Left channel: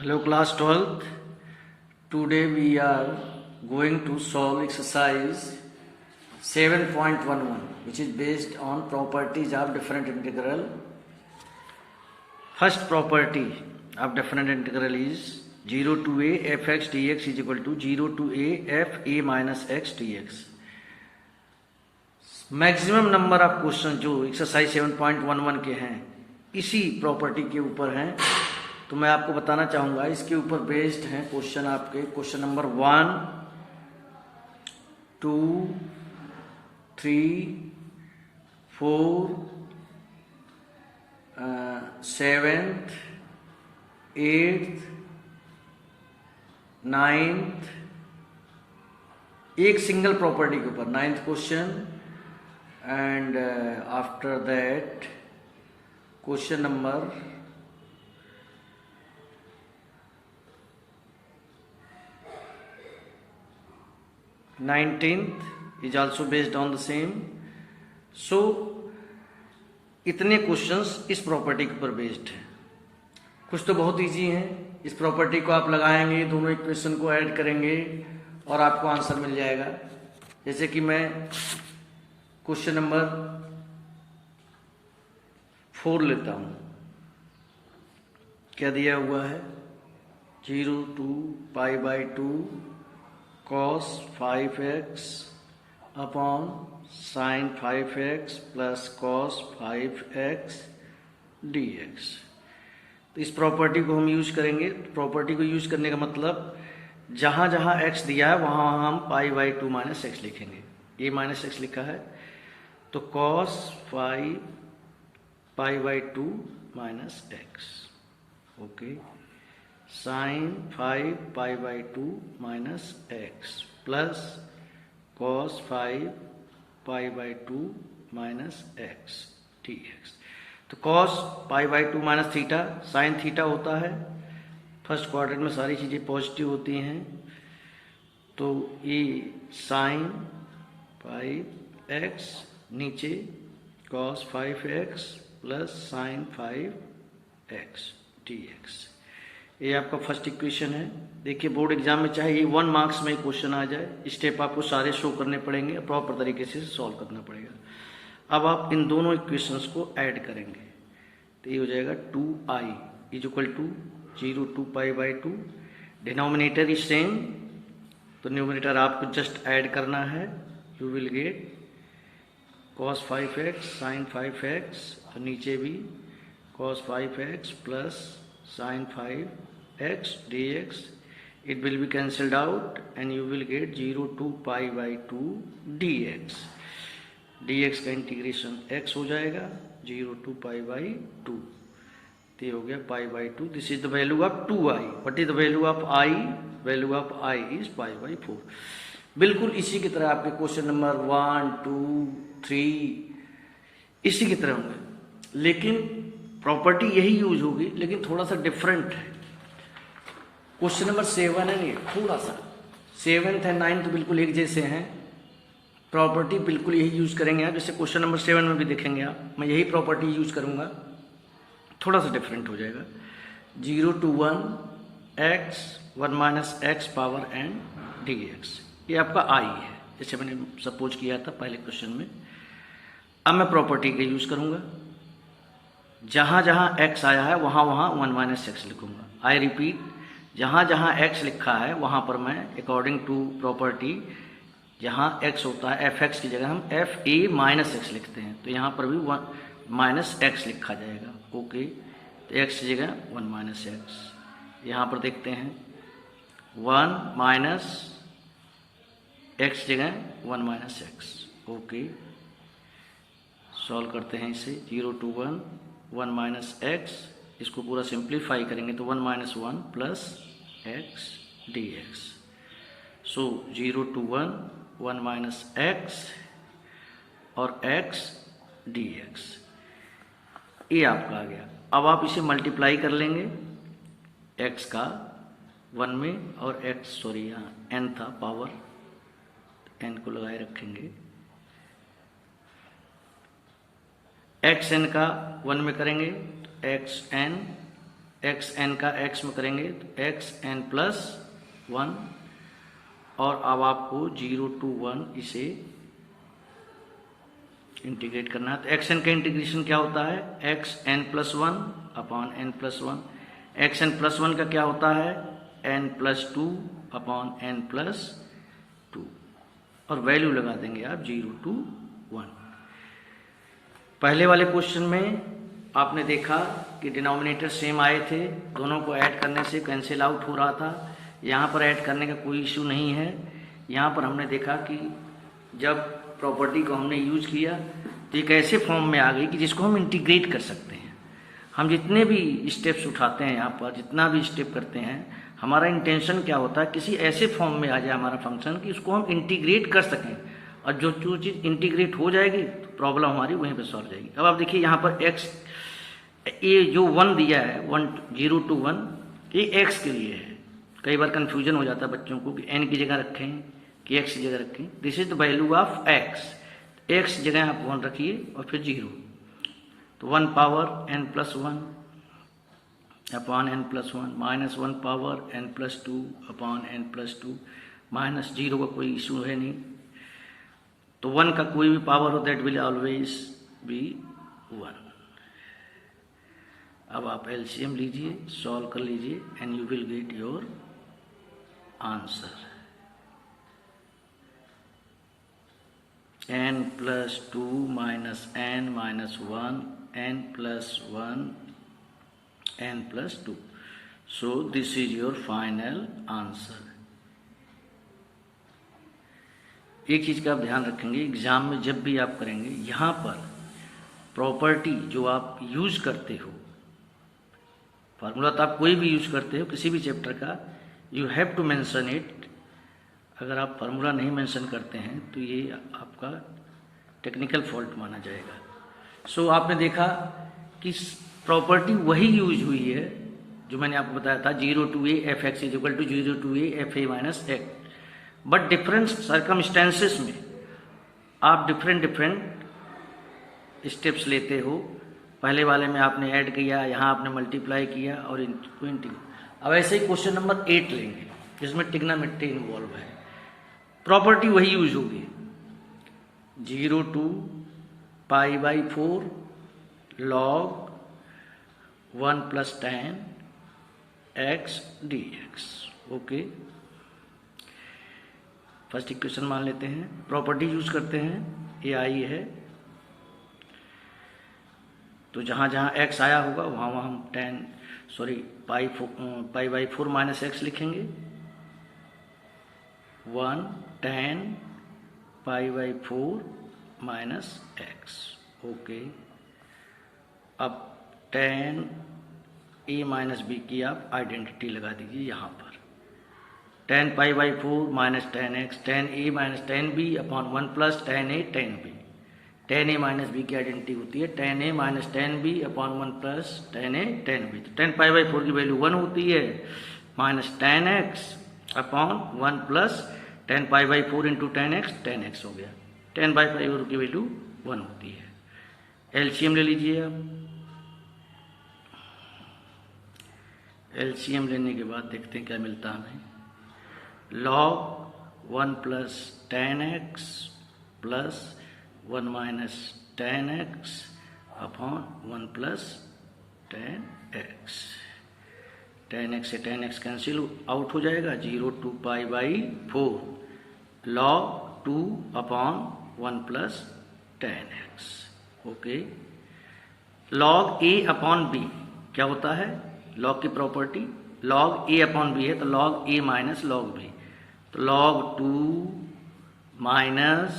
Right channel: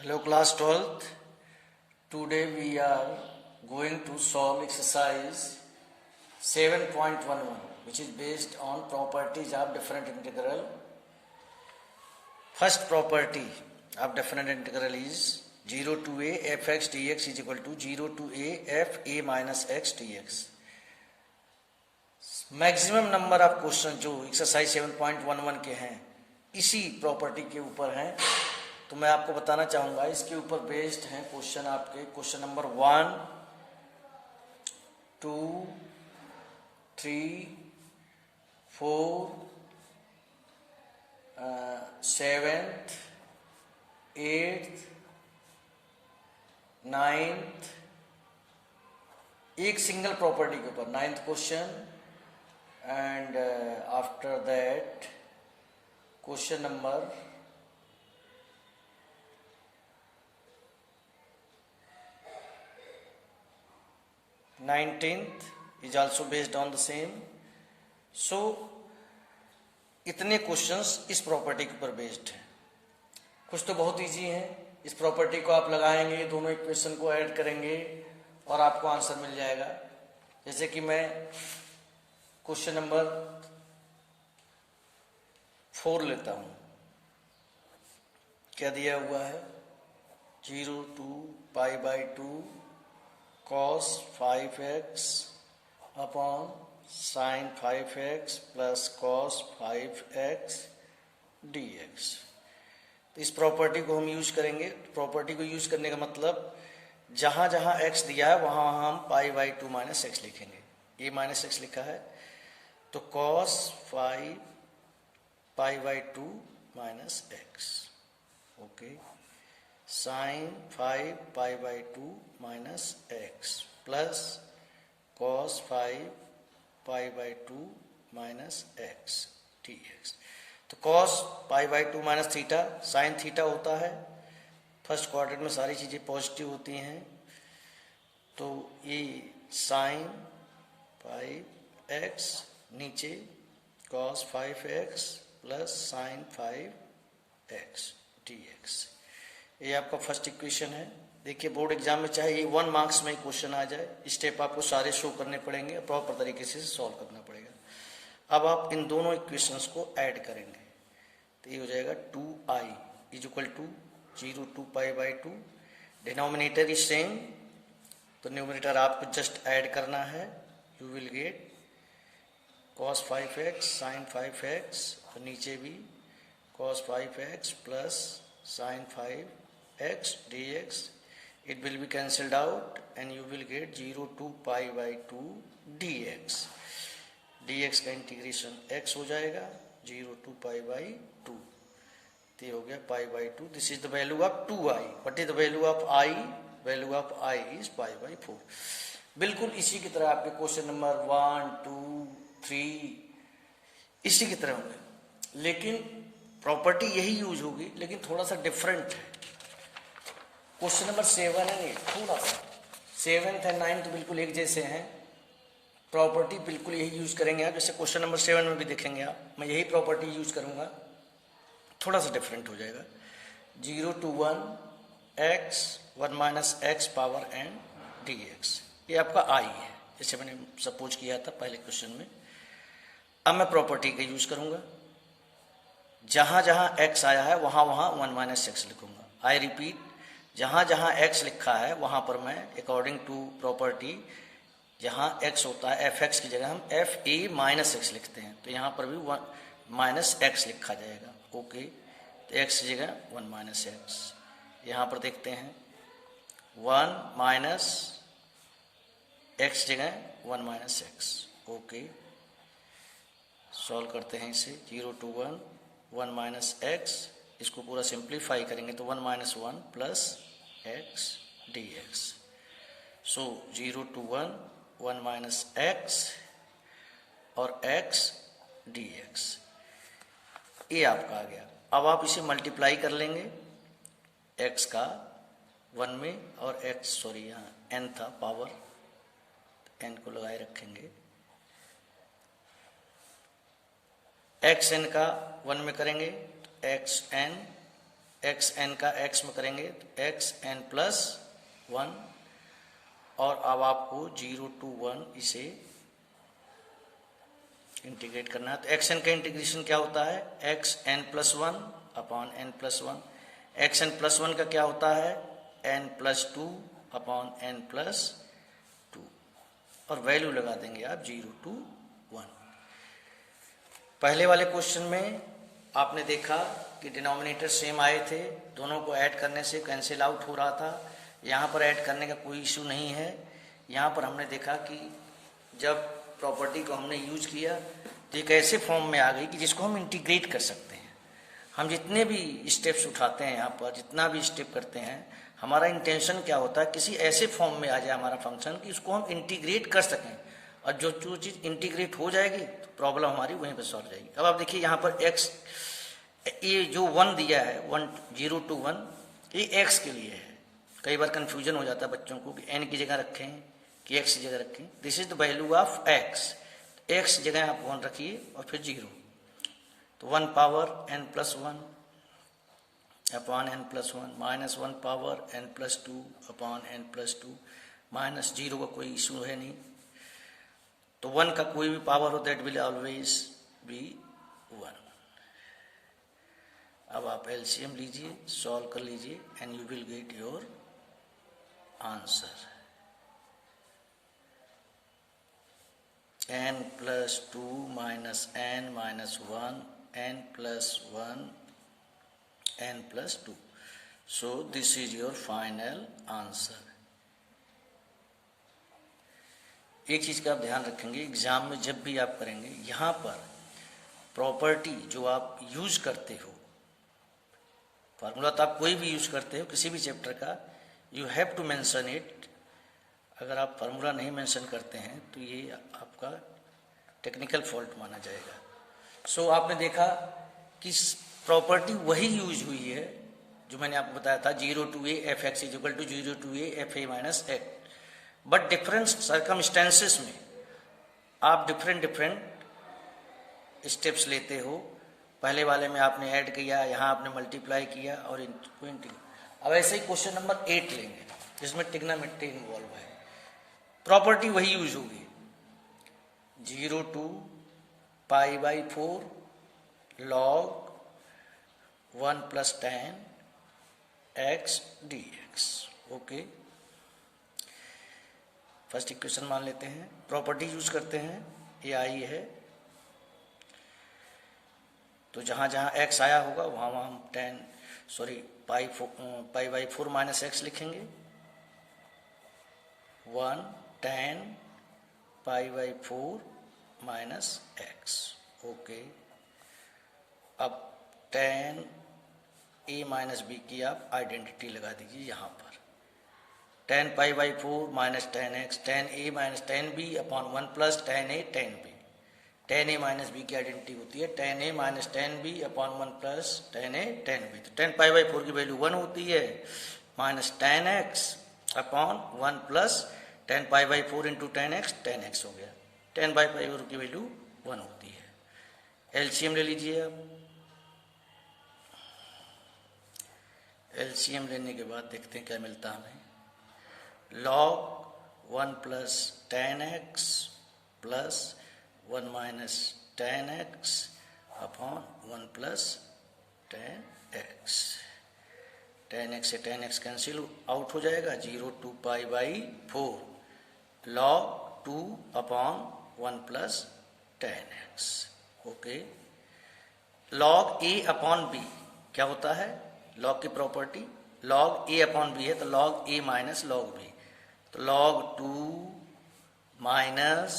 Hello class 12th. Today we are going to solve exercise 7.11 which is based on properties of different integral. First property of different integral is 0 to a fx dx is equal to 0 to a f a minus x dx. Maximum number of question जो exercise 7.11 के हैं इसी property के ऊपर हैं, तो मैं आपको बताना चाहूँगा इसके ऊपर बेस्ड हैं क्वेश्चन आपके। Question number 1, 2, 3, 4, 7th, 8th, 9th, एक सिंगल प्रॉपर्टी के ऊपर 9th question, and after that question number 19th is also based on the same. So इतने क्वेश्चंस इस प्रॉपर्टी के ऊपर बेस्ड हैं। कुछ तो बहुत इजी हैं, इस प्रॉपर्टी को आप लगाएंगे, दोनों इक्वेशन को ऐड करेंगे और आपको आंसर मिल जाएगा। जैसे कि मैं क्वेश्चन नंबर 4 लेता हूं। क्या दिया हुआ है? 0 to pi by 2 cos 5x upon sine 5x plus cos 5x dx। तो इस प्रॉपर्टी को हम यूज करेंगे। प्रॉपर्टी को यूज करने का मतलब जहां जहां x दिया है वहां हम पाई बाई 2 माइनस एक्स लिखेंगे। ये माइनस एक्स लिखा है तो cos 5 pi by 2 minus x, okay, sine 5 pi by 2 minus x plus cos 5 pi by 2 minus x dx। तो cos pi by 2 minus theta sine theta होता है। फर्स्ट क्वाड्रेंट में सारी चीज़ें पॉजिटिव होती हैं, तो ये साइन 5x नीचे cos 5x plus sine 5x dx। ये आपका फर्स्ट इक्वेशन है। देखिए बोर्ड एग्जाम में चाहे ये 1 मार्क्स में क्वेश्चन आ जाए, स्टेप आपको सारे शो करने पड़ेंगे, प्रॉपर तरीके से सॉल्व करना पड़ेगा। अब आप इन दोनों इक्वेशंस को ऐड करेंगे तो ये हो जाएगा 2i is equal to 0 to pi by 2। Denominator is same, तो न्यूमरेटर आपको जस्ट ऐड करना है। You will get cos 5x sine 5x और नीचे भी cos 5x plus sine 5x dx। It will be cancelled out and you will get 0 to pi by 2 dx। dx का integration x हो जाएगा 0 to pi by 2, तो ये हो गया पाई by 2। This is the value of 2i। What is the value of i? Value of i is pi by 4। बिल्कुल इसी की तरह आपके क्वेश्चन नंबर 1, 2, 3 इसी की तरह होंगे, लेकिन प्रॉपर्टी यही यूज होगी, लेकिन थोड़ा सा डिफरेंट है। क्वेश्चन नंबर 7 है, ये थोड़ा सा 7th एंड 9th तो बिल्कुल एक जैसे हैं। प्रॉपर्टी बिल्कुल यही यूज करेंगे आप, जैसे क्वेश्चन नंबर 7 में भी देखेंगे आप, मैं यही प्रॉपर्टी यूज करूंगा, थोड़ा सा डिफरेंट हो जाएगा। 0 to 1 x 1 minus x power n dx। ये आपका i है, जैसे मैंने सपोज किया था पहले क्वेश्चन में। अब मैं प्रॉपर्टी का यूज करूंगा, जहां जहां x आया है वहां वहां 1 माइनस एक्स लिखूंगा। आई रिपीट, जहां जहां x लिखा है वहां पर मैं अकॉर्डिंग टू प्रॉपर्टी जहां x होता है fx की जगह हम f a माइनस एक्स लिखते हैं, तो यहां पर भी 1 माइनस एक्स लिखा जाएगा। ओके, तो x की जगह 1 माइनस एक्स। यहां पर देखते हैं 1 माइनस x जगह 1 माइनस एक्स। ओके, सॉल्व करते हैं इसे। 0 to 1 1 माइनस एक्स, इसको पूरा सिंप्लीफाई करेंगे तो 1 minus 1 plus x dx। So 0 to 1 1 minus x और x dx, ये आपका आ गया। अब आप इसे मल्टीप्लाई कर लेंगे x का 1 में और x यहाँ n था पावर, n को लगाए रखेंगे। एक्स एन का 1 में करेंगे, एक्स एन एक्स एन का एक्स में करेंगे तो एक्स एन प्लस 1, और अब आपको 0 to 1 इसे इंटीग्रेट करना है। तो एक्स एन का इंटीग्रेशन क्या होता है, x n plus 1 upon n plus 1। X n plus 1 का क्या होता है, n plus 2 upon n plus 2, और वैल्यू लगा देंगे आप 0 to 1। पहले वाले क्वेश्चन में आपने देखा कि डिनोमिनेटर सेम आए थे, दोनों को ऐड करने से कैंसिल आउट हो रहा था। यहाँ पर ऐड करने का कोई इशू नहीं है। यहाँ पर हमने देखा कि जब प्रॉपर्टी को हमने यूज किया तो एक ऐसे फॉर्म में आ गई कि जिसको हम इंटीग्रेट कर सकते हैं। हम जितने भी स्टेप्स उठाते हैं यहाँ पर, जितना भी स्टेप करते हैं, हमारा इंटेंशन क्या होता है, किसी ऐसे फॉर्म में आ जाए हमारा फंक्शन कि उसको हम इंटीग्रेट कर सकें, और जो चीज़ इंटीग्रेट हो जाएगी तो प्रॉब्लम हमारी वहीं पर सॉल्व हो जाएगी। अब आप देखिए यहाँ पर एक्स, ये जो 1 दिया है 0 to 1, ये एक्स के लिए है। कई बार कन्फ्यूजन हो जाता है बच्चों को कि एन की जगह रखें कि एक्स की जगह रखें। This is the value of x, x की जगह आप 1 रखिए और फिर 0, तो 1 power n plus 1 upon n plus 1 minus 1 power n plus 2 upon n plus 2 minus 0 का कोई इशू है नहीं, तो 1 का कोई भी पावर हो दैट विल ऑलवेज बी 1। अब आप एलसीएम लीजिए, सॉल्व कर लीजिए and you will get your answer. n plus 2 minus n minus 1, n plus 1, n plus 2. So this is your final answer. एक चीज़ का आप ध्यान रखेंगे, एग्जाम में जब भी आप करेंगे, यहाँ पर प्रॉपर्टी जो आप यूज करते हो, फार्मूला तो आप कोई भी यूज करते हो किसी भी चैप्टर का, you have to mention it. अगर आप फार्मूला नहीं मेंशन करते हैं तो ये आपका टेक्निकल फॉल्ट माना जाएगा। सो आपने देखा कि प्रॉपर्टी वही यूज हुई है जो मैंने आपको बताया था, 0 to a f x is equal to 0 to a f a minus x. But different circumstances में आप डिफरेंट स्टेप्स लेते हो। पहले वाले में आपने ऐड किया, यहाँ आपने मल्टीप्लाई किया और इनको इंटीग्रेट। अब ऐसे ही क्वेश्चन नंबर 8 लेंगे जिसमें ट्रिग्नोमेट्री इन्वॉल्व है, प्रॉपर्टी वही यूज होगी, 0 to π/4 log 1 plus tan x dx। Okay, first equation मान लेते हैं, प्रॉपर्टी यूज करते हैं, ये आई है, तो जहाँ जहाँ x आया होगा वहाँ वहाँ हम π/4 माइनस एक्स लिखेंगे, 1 tan π/4 माइनस एक्स। ओके, अब tan a माइनस बी की आप आइडेंटिटी लगा दीजिए यहाँ पर, tan π/4 minus tan x, tan a minus tan b upon 1 plus tan a tan b। tan a minus b की आइडेंटिटी होती है tan a minus tan b upon 1 plus tan a tan b। तो tan π/4 की value 1 होती है, minus tan x upon 1 plus tan π/4 into tan x हो गया, tan π/4 की वैल्यू 1 होती है। एलसीएम ले लीजिए अब, एलसीएम लेने के बाद देखते हैं क्या मिलता है हमें, log 1 plus tan x plus 1 minus tan x upon 1 plus tan x। tan x से tan x कैंसिल आउट हो जाएगा, 0 to π/4 log 2 upon 1 plus tan x। Okay, log a upon b क्या होता है, log की property log a upon b है, तो log a minus log b, तो log 2 minus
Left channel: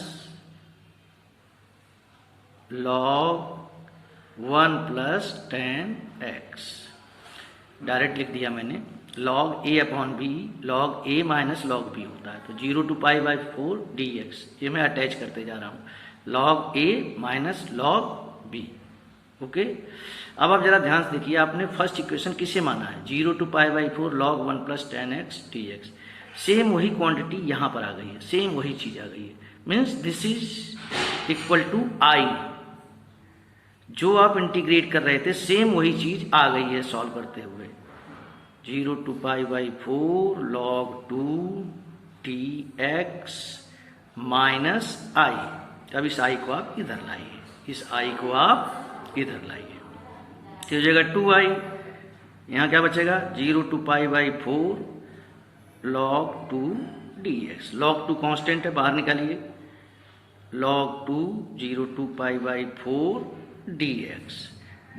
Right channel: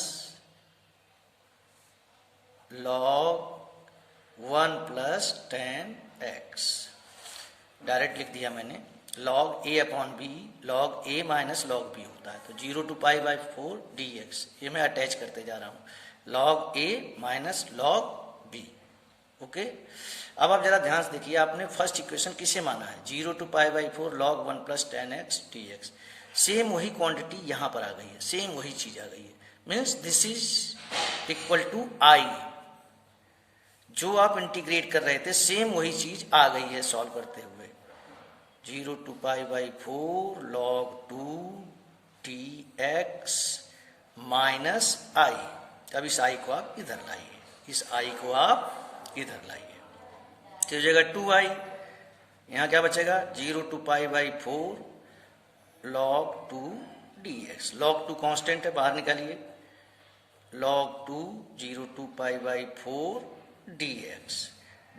log 1 plus tan x। Direct लिख दिया मैंने, log a upon b log a minus log b होता है, तो 0 to π/4 dx, ये मैं अटैच करते जा रहा हूँ, log a minus log b। Okay, अब आप जरा ध्यान से देखिए, आपने फर्स्ट इक्वेशन किसे माना है, 0 to π/4 log 1 plus tan x dx। Same वही क्वांटिटी यहाँ पर आ गई है, सेम वही चीज आ गई है, means this is equal to i। जो आप इंटीग्रेट कर रहे थे सेम वही चीज आ गई है सॉल्व करते हुए। 0 to π/4 log 2 dx माइनस आई। अब इस आई को आप इधर लाइए, इस आई को आप इधर लाइए, तो हो जाएगा 2i। यहाँ क्या बचेगा 0 to π/4 log 2 dx। log 2 constant है, बाहर निकालिए। log 2 0 to π/4 dx,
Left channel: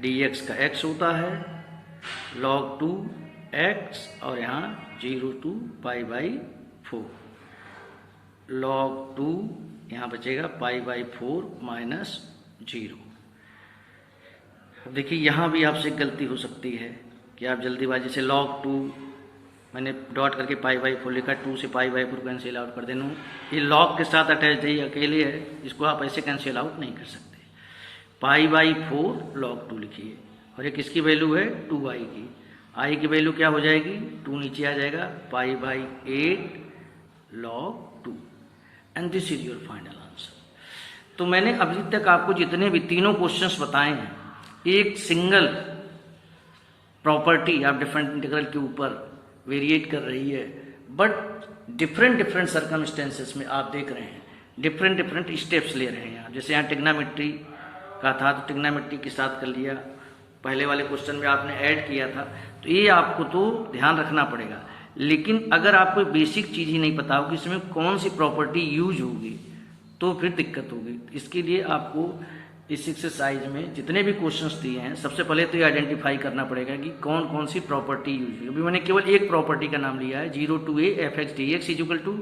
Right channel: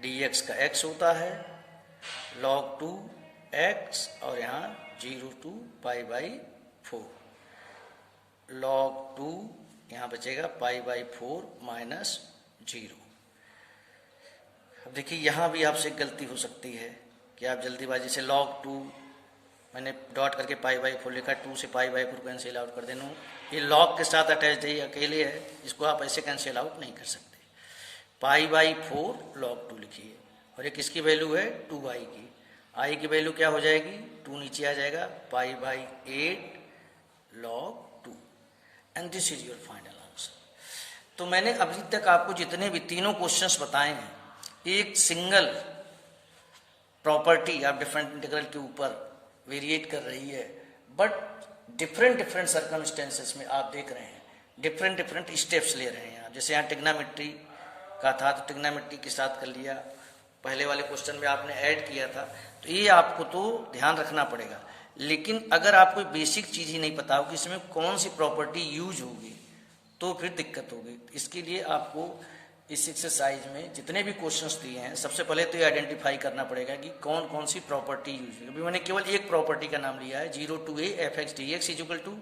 dx का x होता है log 2 x, और यहाँ 0 to π/4 log 2, यहाँ बचेगा π/4 माइनस 0। अब देखिए यहाँ भी आपसे गलती हो सकती है कि आप जल्दीबाजी से log 2 मैंने डॉट करके π/4 लिखा, 2 से π/4 कैंसिल आउट कर देना। ये log के साथ अटैच है, अकेले है, इसको आप ऐसे कैंसिल आउट नहीं कर सकते। π/4 log 2 लिखिए, और ये किसकी वैल्यू है 2i की। i की वैल्यू क्या हो जाएगी 2 नीचे आ जाएगा, π/8 log 2, and this is your final answer. तो मैंने अभी तक आपको जितने भी तीनों क्वेश्चंस बताए हैं, एक सिंगल प्रॉपर्टी आप डिफरेंट इंटीग्रल के ऊपर वेरिएट कर रही है, बट डिफरेंट सर्कमस्टेंसेस में आप देख रहे हैं डिफरेंट स्टेप्स ले रहे हैं। जैसे यहाँ टिग्नामेट्री का था तो टिग्नामेट्री के साथ कर लिया, पहले वाले क्वेश्चन में आपने ऐड किया था, तो ये आपको तो ध्यान रखना पड़ेगा। लेकिन अगर आपको बेसिक चीज़ ही नहीं पता होगी इसमें कौन सी प्रॉपर्टी यूज होगी तो फिर दिक्कत होगी। इसके लिए आपको इस एक्सरसाइज में जितने भी क्वेश्चंस दिए हैं, सबसे पहले तो ये आइडेंटिफाई करना पड़ेगा कि कौन कौन सी प्रॉपर्टी यूज हुई। अभी मैंने केवल एक प्रॉपर्टी का नाम लिया है, 0 to a f(x) dx is equal to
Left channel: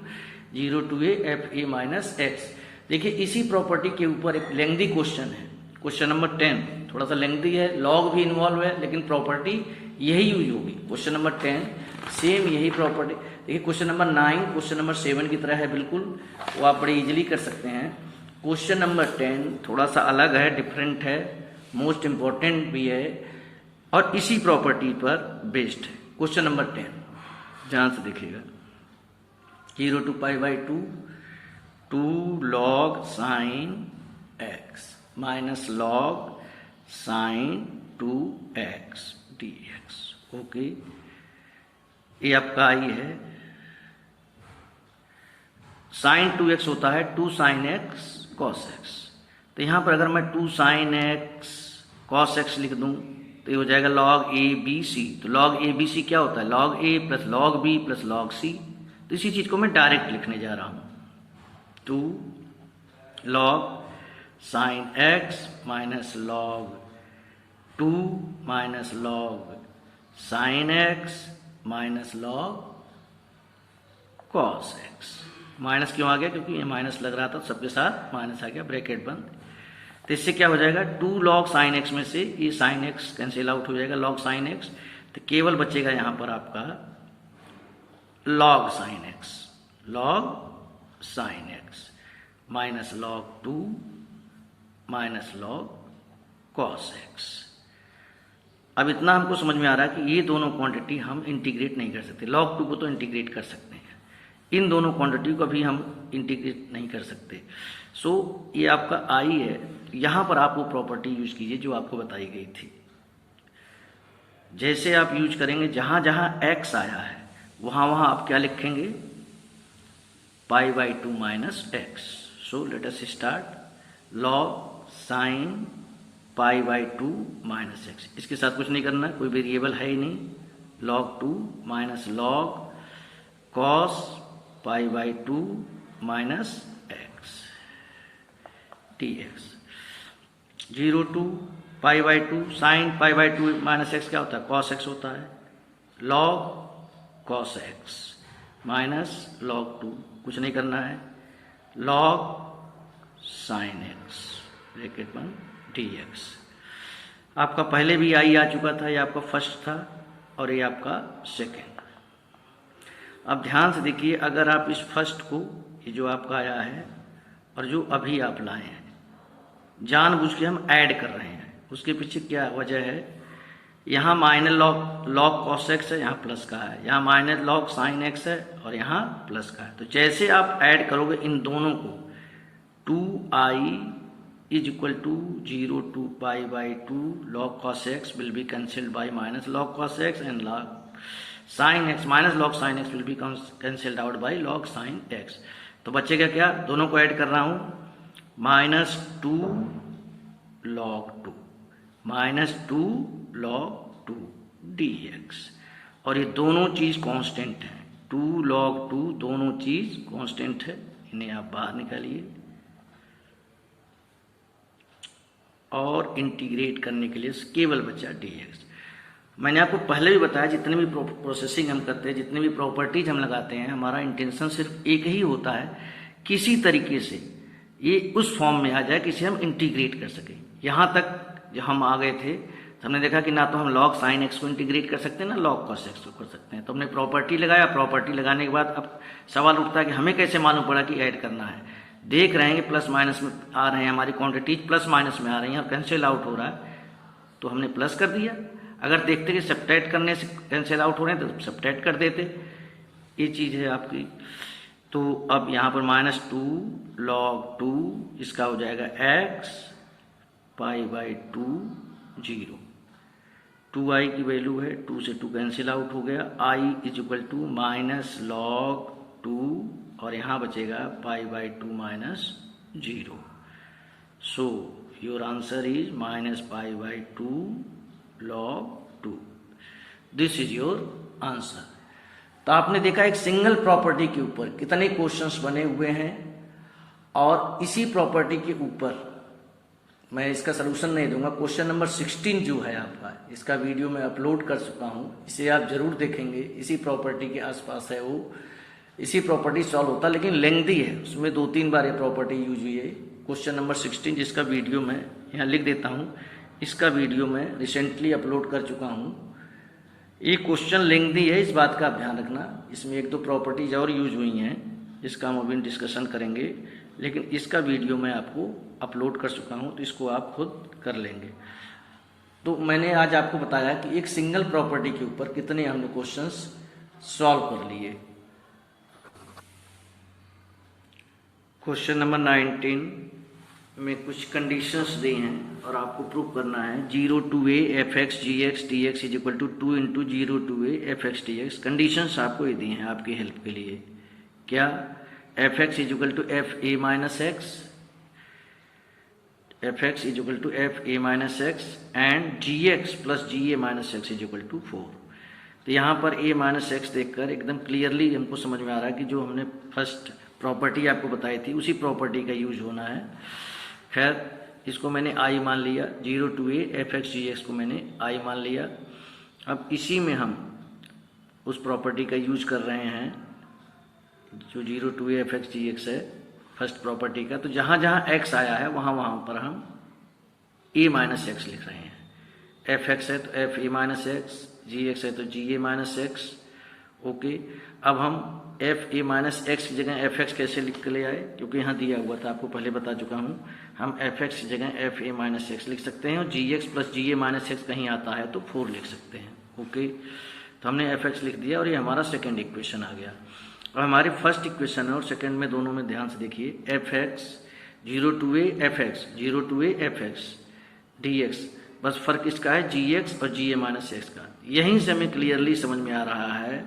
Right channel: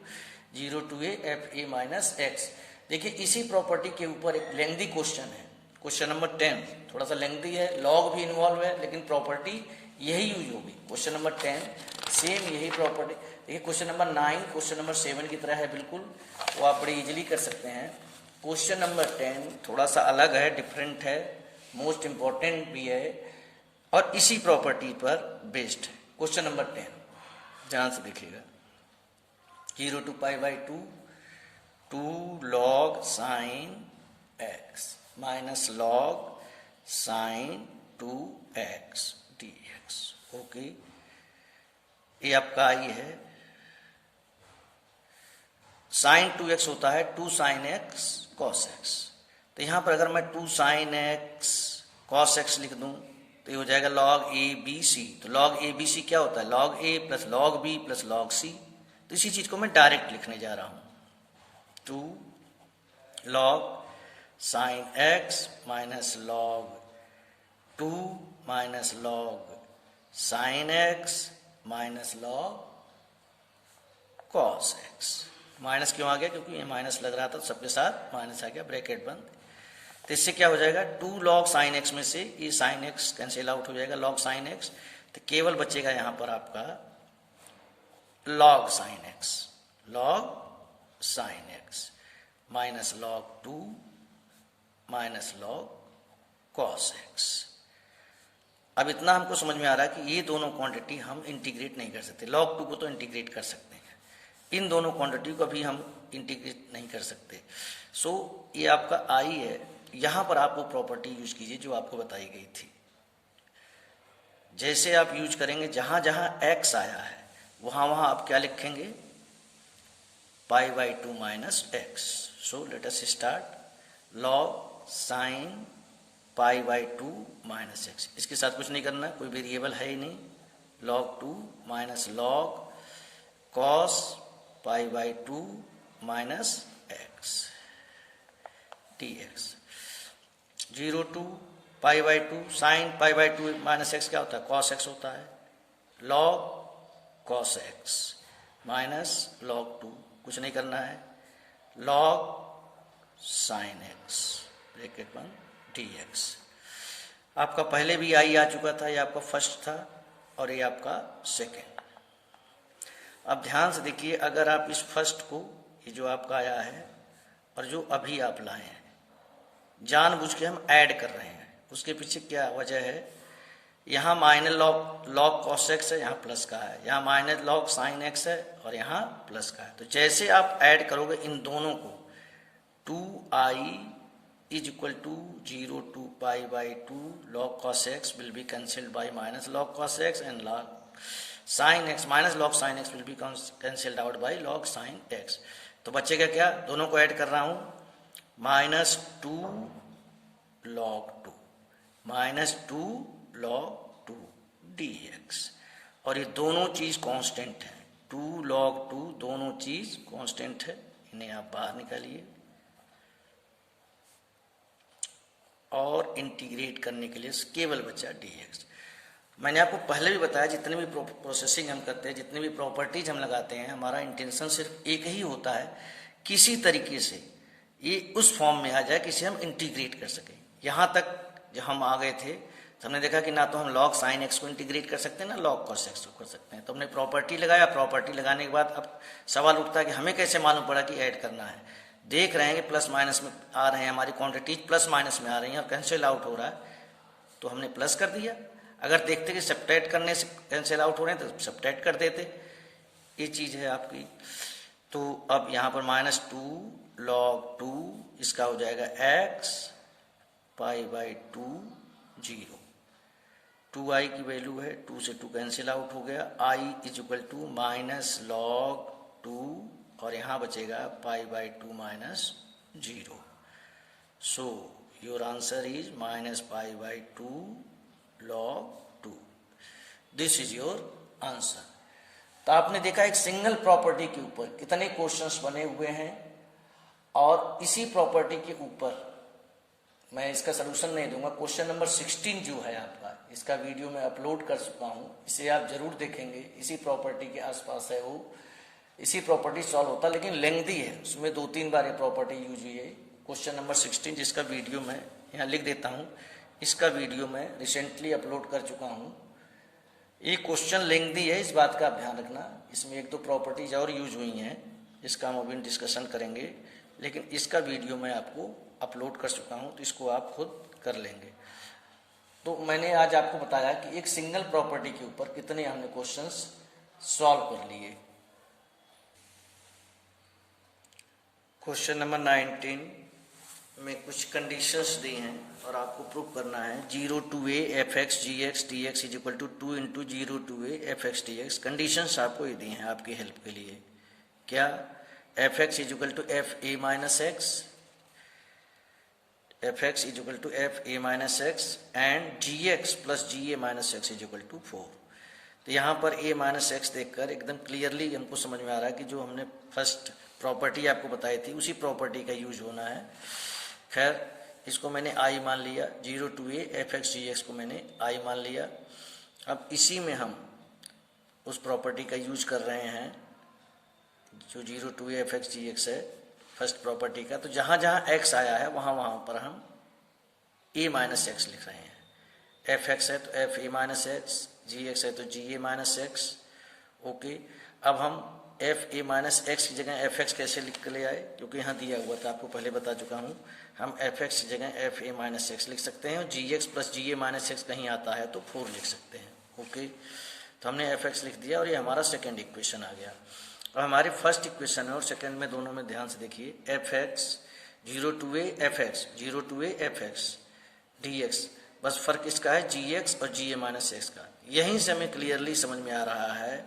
0 to a f a minus x। देखिए इसी प्रॉपर्टी के ऊपर एक लेंथी क्वेश्चन है, क्वेश्चन नंबर 10, थोड़ा सा लेंथी है, लॉग भी इन्वॉल्व है, लेकिन प्रॉपर्टी यही यूज होगी। क्वेश्चन नंबर 10 सेम यही प्रॉपर्टी। देखिए क्वेश्चन नंबर 9 क्वेश्चन नंबर 7 की तरह है बिल्कुल, वो आप बड़े इजीली कर सकते हैं। क्वेश्चन नंबर 10 थोड़ा सा अलग है, डिफरेंट है, मोस्ट इम्पॉर्टेंट भी है, और इसी प्रॉपर्टी पर बेस्ड है। क्वेश्चन नंबर 10 ध्यान से देखिएगा, 0 to π/2 2 log sin x minus log sin 2x dx। Okay, ये आपका आई है। sin 2x होता है 2 sin x cos x, तो यहाँ पर अगर मैं 2 sin x cos x लिख दूँ तो ये हो जाएगा log a b c। तो log a b c क्या होता है log a plus log b plus log c। तो इसी चीज़ को मैं डायरेक्ट लिखने जा रहा हूँ, 2 log sin x minus log 2 minus log sin x minus log cos x। Minus क्यों आ गया, क्योंकि ये माइनस लग रहा था, सबके साथ माइनस आ गया, ब्रैकेट बंद। तो इससे क्या हो जाएगा 2 log sin x में से ये sin x कैंसिल आउट हो जाएगा, log sin x, तो केवल बचेगा यहाँ पर आपका log sin x minus log 2 minus log cos x। अब इतना हमको समझ में आ रहा है कि ये दोनों क्वांटिटी हम इंटीग्रेट नहीं कर सकते। log 2 को तो इंटीग्रेट कर सकते हैं, इन दोनों क्वांटिटी को अभी हम इंटीग्रेट नहीं कर सकते। सो ये आपका आई है, यहाँ पर आप वो प्रॉपर्टी यूज कीजिए जो आपको बताई गई थी। जैसे आप यूज करेंगे, जहाँ जहाँ x आया है वहाँ वहाँ आप क्या लिखेंगे π/2 minus x। So let us start, log sin π/2 minus x। इसके साथ कुछ नहीं करना, कोई वेरिएबल है ही नहीं, log 2 minus log cos π/2 minus x dx। 0 to π/2 sin π/2 minus x क्या होता है cos x होता है, log cos x minus log 2, कुछ नहीं करना है, log sin x ब्रैकेट में dx। आपका पहले भी आई आ चुका था, ये आपका फर्स्ट था और ये आपका सेकेंड। अब ध्यान से देखिए, अगर आप इस फर्स्ट को, ये जो आपका आया है और जो अभी आप लाए हैं, जानबूझ के हम ऐड कर रहे हैं, उसके पीछे क्या वजह है, यहाँ माइनस log cos x है, यहाँ प्लस का है, यहाँ माइनस log sin x है और यहाँ प्लस का है। तो जैसे आप ऐड करोगे इन दोनों को, 2i is equal to 0 to pi by 2 log cos x will be cancelled by minus log cos x, and log sin x minus log sin x will be cancelled out by log sin x. तो बचेगा क्या, दोनों को add कर रहा हूँ, -2 log 2 -2 log 2 dx, और ये दोनों चीज कांस्टेंट है, 2 log 2 दोनों चीज कांस्टेंट है, इन्हें आप बाहर निकालिए और इंटीग्रेट करने के लिए केवल बचा dx. मैंने आपको पहले भी बताया, जितने भी प्रोसेसिंग हम करते हैं, जितने भी प्रॉपर्टीज हम लगाते हैं, हमारा इंटेंशन सिर्फ एक ही होता है, किसी तरीके से ये उस फॉर्म में आ जाए कि इसे हम इंटीग्रेट कर सकें. यहाँ तक जब हम आ गए थे तो हमने देखा कि ना तो हम log sin x को इंटीग्रेट कर सकते हैं, ना log cos x को कर सकते हैं. तो हमने प्रॉपर्टी लगाया, प्रॉपर्टी लगाने के बाद अब सवाल उठता है कि हमें कैसे मालूम पड़ा कि ऐड करना है. देख रहे हैं कि प्लस माइनस में आ रहे हैं, हमारी क्वांटिटीज प्लस माइनस में आ रही हैं और कैंसिल आउट हो रहा है, तो हमने प्लस कर दिया. अगर देखते कि सब्ट्रैक्ट करने से कैंसिल आउट हो रहे हैं तो सब्ट्रैक्ट कर देते. ये चीज़ है आपकी. तो अब यहाँ पर -2 log 2 इसका हो जाएगा x पाई बाई 2 0. 2i की वैल्यू है, 2 से 2 कैंसिल आउट हो गया, i is equal to minus log 2 और यहाँ बचेगा pi by 2 minus 0. So your answer is minus pi by 2 log 2. This is your answer. तो आपने देखा एक सिंगल प्रॉपर्टी के ऊपर कितने क्वेश्चंस बने हुए हैं, और इसी प्रॉपर्टी के ऊपर मैं इसका सलूशन नहीं दूंगा. क्वेश्चन नंबर 16 जो है आपका, इसका वीडियो मैं अपलोड कर चुका हूं, इसे आप जरूर देखेंगे. इसी प्रॉपर्टी के आसपास है, वो इसी प्रॉपर्टी सॉल्व होता, लेकिन लेंथी है, उसमें 2-3 बार ये प्रॉपर्टी यूज हुई है. क्वेश्चन नंबर 16 जिसका वीडियो मैं यहाँ लिख देता हूँ, इसका वीडियो मैं रिसेंटली अपलोड कर चुका हूँ. ये क्वेश्चन लेंथी है, इस बात का आप ध्यान रखना. इसमें 1-2 प्रॉपर्टीज और यूज हुई हैं, इसका हम अभी डिस्कशन करेंगे, लेकिन इसका वीडियो मैं आपको अपलोड कर चुका हूँ, तो इसको आप खुद कर लेंगे. तो मैंने आज आपको बताया कि एक सिंगल प्रॉपर्टी के ऊपर कितने हमने क्वेश्चंस सॉल्व कर लिए. क्वेश्चन नंबर 19 में कुछ कंडीशंस दी हैं और आपको प्रूव करना है. 0 to a fx gx dx is equal to 2 into 0 to a fx dx. Conditions आपको ये दी हैं आपकी हेल्प के लिए. क्या? fx is equal to f a minus x, fx is equal to f a minus x and gx plus ga minus x is equal to 4. तो यहाँ पर a माइनस एक्स देखकर एकदम क्लियरली हमको समझ में आ रहा है कि जो हमने फर्स्ट प्रॉपर्टी आपको बताई थी उसी प्रॉपर्टी का यूज होना है. खैर, इसको मैंने i मान लिया, 0 to a fx gx को मैंने i मान लिया. अब इसी में हम उस प्रॉपर्टी का यूज कर रहे हैं जो 0 to a fx gx है, फर्स्ट प्रॉपर्टी का. तो जहाँ जहाँ x आया है वहाँ वहाँ पर हम a माइनस एक्स लिख रहे हैं. fx है तो f a minus x, gx है तो ga माइनस एक्स. ओके, अब हम f a माइनस एक्स की जगह f x कैसे लिख के ले आए, क्योंकि यहाँ दिया हुआ था, आपको पहले बता चुका हूँ. हम f x की जगह f a माइनस एक्स लिख सकते हैं और g x plus g a minus x कहीं आता है तो 4 लिख सकते हैं. ओके, तो हमने f x लिख दिया और ये हमारा सेकेंड इक्वेशन आ गया. और हमारी फर्स्ट इक्वेशन है और सेकेंड में दोनों में ध्यान से देखिए. f x 0 to a f x 0 to a f x dx, बस फर्क इसका है g x और g a माइनस एक्स का. यहीं से हमें क्लियरली समझ में आ रहा है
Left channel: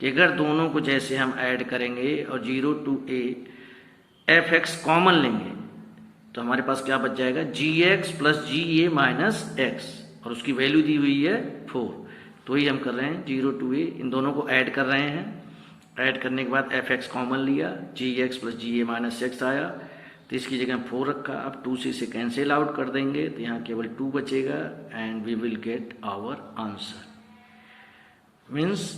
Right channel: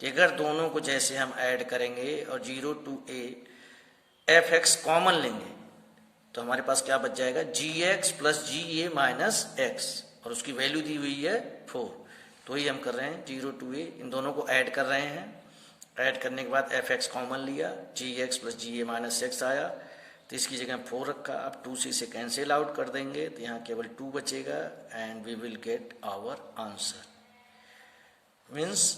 कि अगर दोनों को जैसे हम ऐड करेंगे और 0 to a f x common लेंगे तो हमारे पास क्या बच जाएगा, जी एक्स प्लस जी ए माइनस एक्स, और उसकी वैल्यू दी हुई है 4. तो ही हम कर रहे हैं 0 to a, इन दोनों को ऐड कर रहे हैं. ऐड करने के बाद एफ एक्स कॉमन लिया, जी एक्स प्लस जी ए माइनस एक्स आया, तो इसकी जगह 4 रखा. अब 2 से इसे कैंसिल आउट कर देंगे तो यहाँ केवल 2 बचेगा and we will get our answer. Means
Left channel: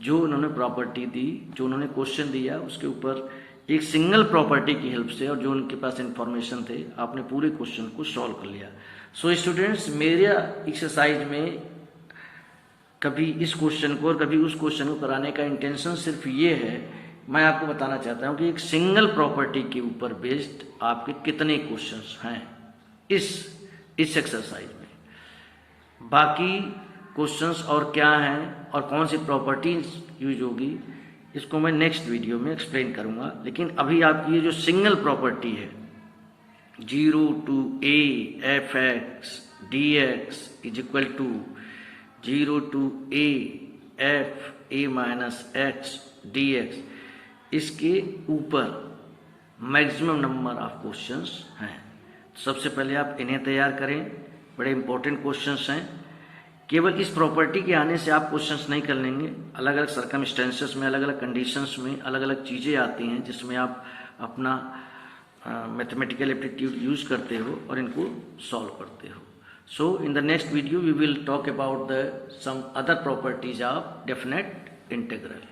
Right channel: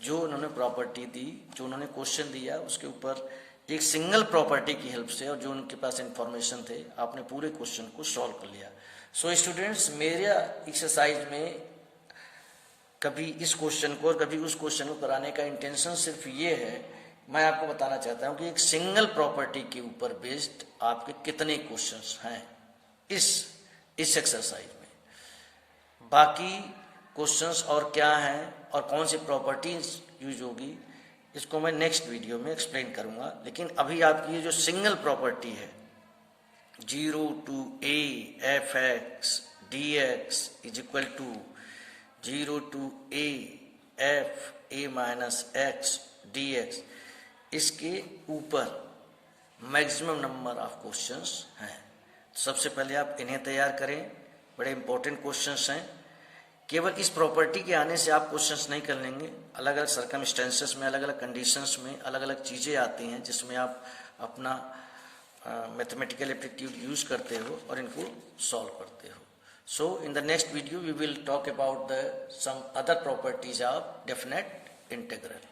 जो उन्होंने प्रॉपर्टी दी, जो उन्होंने क्वेश्चन दिया, उसके ऊपर एक सिंगल प्रॉपर्टी की हेल्प से और जो उनके पास इंफॉर्मेशन थे, आपने पूरे क्वेश्चन को सॉल्व कर लिया. सो स्टूडेंट्स, मेरा एक्सरसाइज में कभी इस क्वेश्चन को और कभी उस क्वेश्चन को कराने का इंटेंशन सिर्फ ये है, मैं आपको बताना चाहता हूँ कि एक सिंगल प्रॉपर्टी के ऊपर बेस्ड आपके कितने क्वेश्चंस हैं इस एक्सरसाइज में. बाकी क्वेश्चंस और क्या हैं और कौन सी प्रॉपर्टीज यूज होगी, इसको मैं नेक्स्ट वीडियो में एक्सप्लेन करूंगा. लेकिन अभी आपकी ये जो सिंगल प्रॉपर्टी है 0 to a fx dx is equal to 0 to a f a minus x dx, इसके ऊपर मैक्सिमम नंबर ऑफ क्वेश्चंस हैं। सबसे पहले आप इन्हें तैयार करें, बड़े इंपॉर्टेंट क्वेश्चंस हैं। केवल इस प्रॉपर्टी के आने से आप क्वेश्चंस नहीं कर लेंगे, अलग अलग सर्कमस्टेंसेस में, अलग अलग कंडीशंस में अलग अलग चीज़ें आती हैं जिसमें आप अपना मैथमेटिकल एप्टीट्यूड यूज करते हो और इनको सॉल्व करते हो। So in the next video we will talk about the some other properties of definite integral.